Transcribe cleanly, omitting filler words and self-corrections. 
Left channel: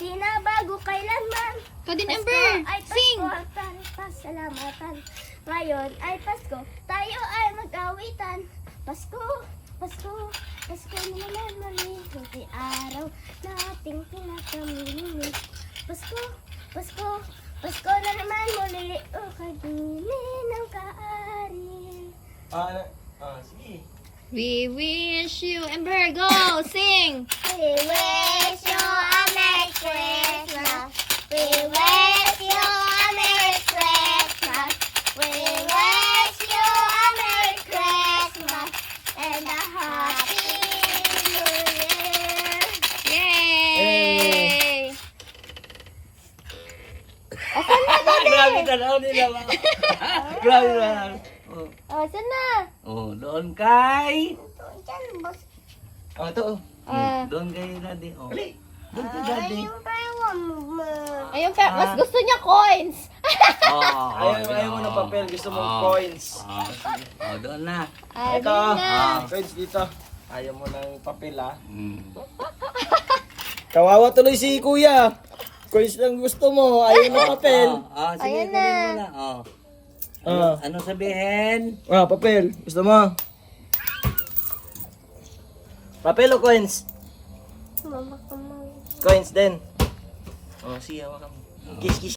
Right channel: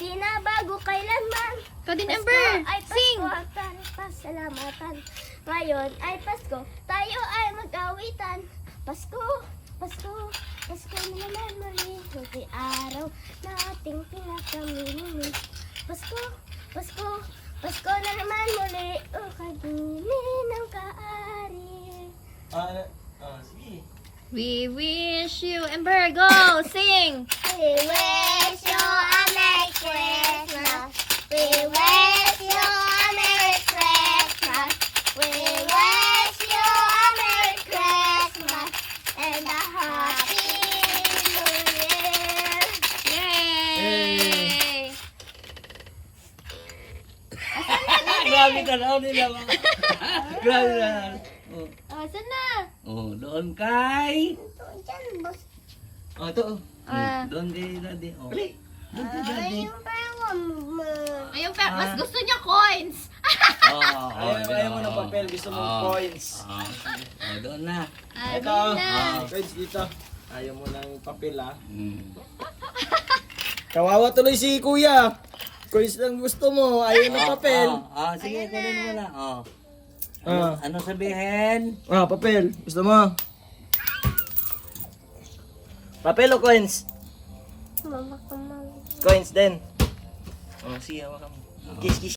Di na bago kailanman. Ikaw din, Pasko Ember. ay Sing. Pasko at tayo pasalamatan. Ngayon ay Pasko, tayo ay mag-awitan. Pasko, Pasko, Pasko na naman muli. Kunti araw na ating pinakamili. Pasko, Pasko, Pasko na naman muli. O kagini ng kaari. Sige. We wish you, Ember, go, sing. We wish you a Merry Christmas. We wish you a Merry Christmas. We wish you a Merry Christmas and a Happy New Year. Yay! Grabe ka na nila. Grabe na. Oh, saan na? Oh, doon kay. Ito, dyan, boss. Oh, ito. Ah. Doon kay daddy. Oh. Doon kay daddy. Ay, yung parang mo. Ayun, mas gusto niya coins. Ayaw mo ng papel, gusto mong coins. Oh, doon na. Ito, na. coins dito. Ayaw mo ng papel ha. Mm. Kawawa tuloy si kuya. Coins lang gusto mo, ayaw ng papel. Sige, Ayan kunin na. mo na. Oh. Ah. Ano sabihin? Papel. Gusto mo? Papel o coins? Mama ko, mama. Coins din. Oh, sige, hawakan mo. Kiss, kiss.